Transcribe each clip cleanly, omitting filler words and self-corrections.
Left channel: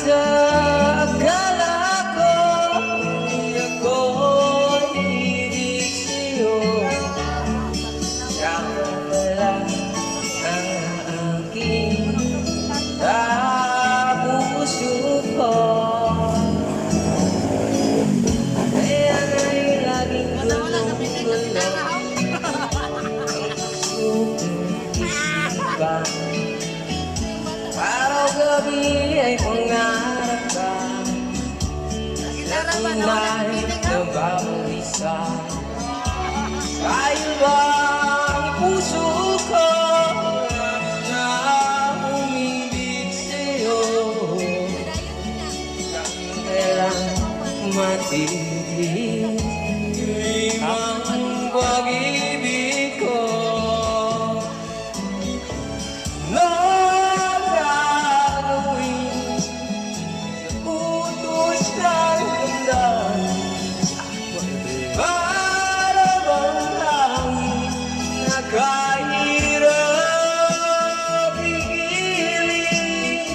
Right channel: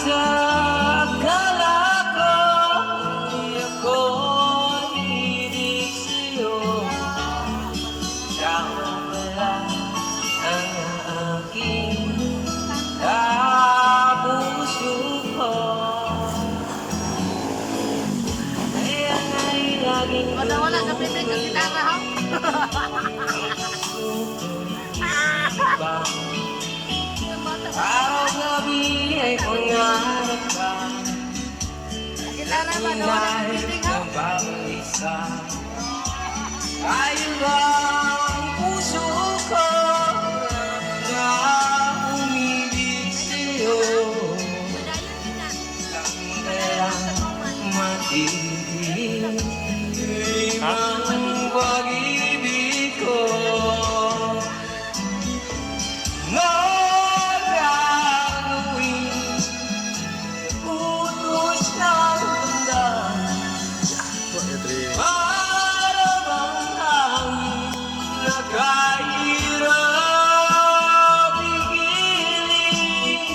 sa akala ko, di ako ibig sa'yo. Ikaw pala ang aking kapuso ko. Ayan ay laging Wala ka pwede ka gitara, ha? Araw-gabi ay pangarap ka. Gitara ba? Nawala ka pwede, ha? Nababagisa. Tayo ba ang puso ko na umibig sa'yo? Kaya matilim ang pag-ibig ko. Nagagawin utos ng ganda. Para bang hangin na kahirap igiling.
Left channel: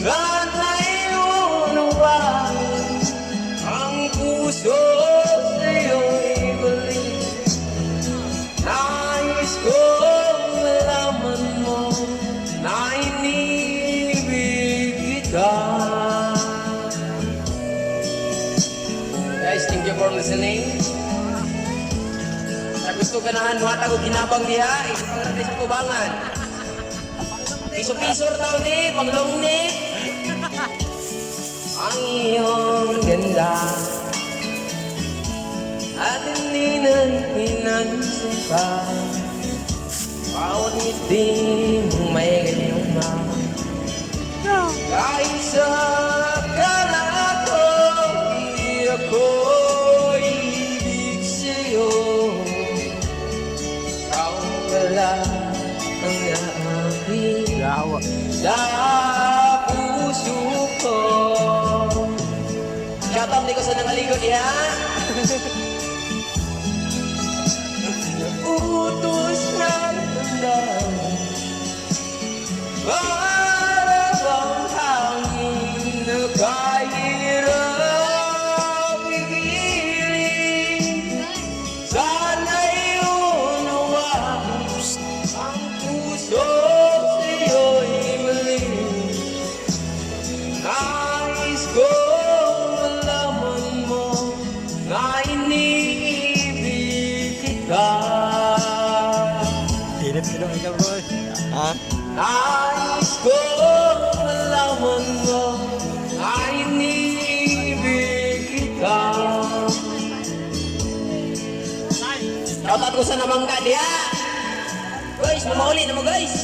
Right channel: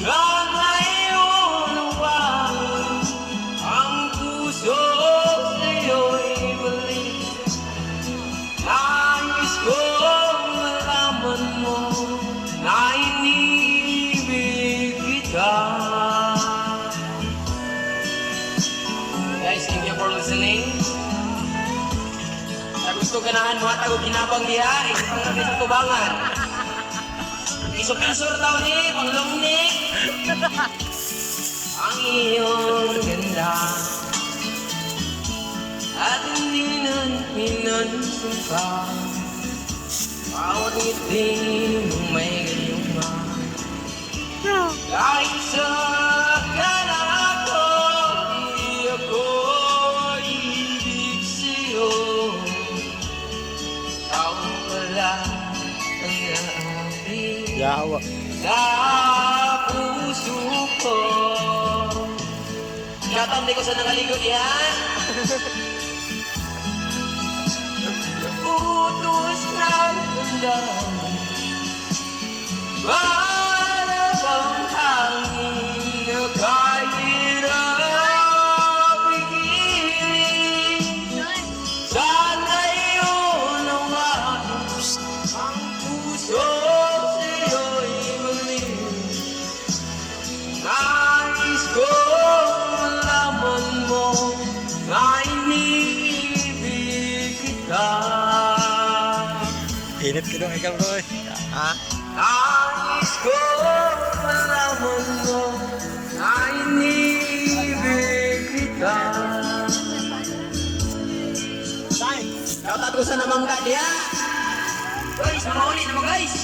Sana'y unawang ang puso sa'yo'y balik. Nais kong malaman mo na inibig kita. Guys, thank you for listening. Sa gusto ganahan mo at ako ginabang diha, ikaw sa tubangan. Isok-isor tao ni, panglong ni. Ang iyong ganda at hindi nang hinansupa. Bawat ngiti mong may gayuma. Kahit sa akala ko, di ako ibig sa'yo. Ikaw wala ang aking Yawa. sa puso ko. Katang di ko sa nangaligod yan. Utos ng damdamin, para bang hangin na kahirap igiling. Sana'y unawaan ang puso sa'yo'y balik. Nais kong malaman mo na inibig kita. Init ka dong ikaw, bro. Ha? Nais kong malaman mo na inibig kita. Shoutout ko sa nabangga diha. Guys, namaulit mo guys.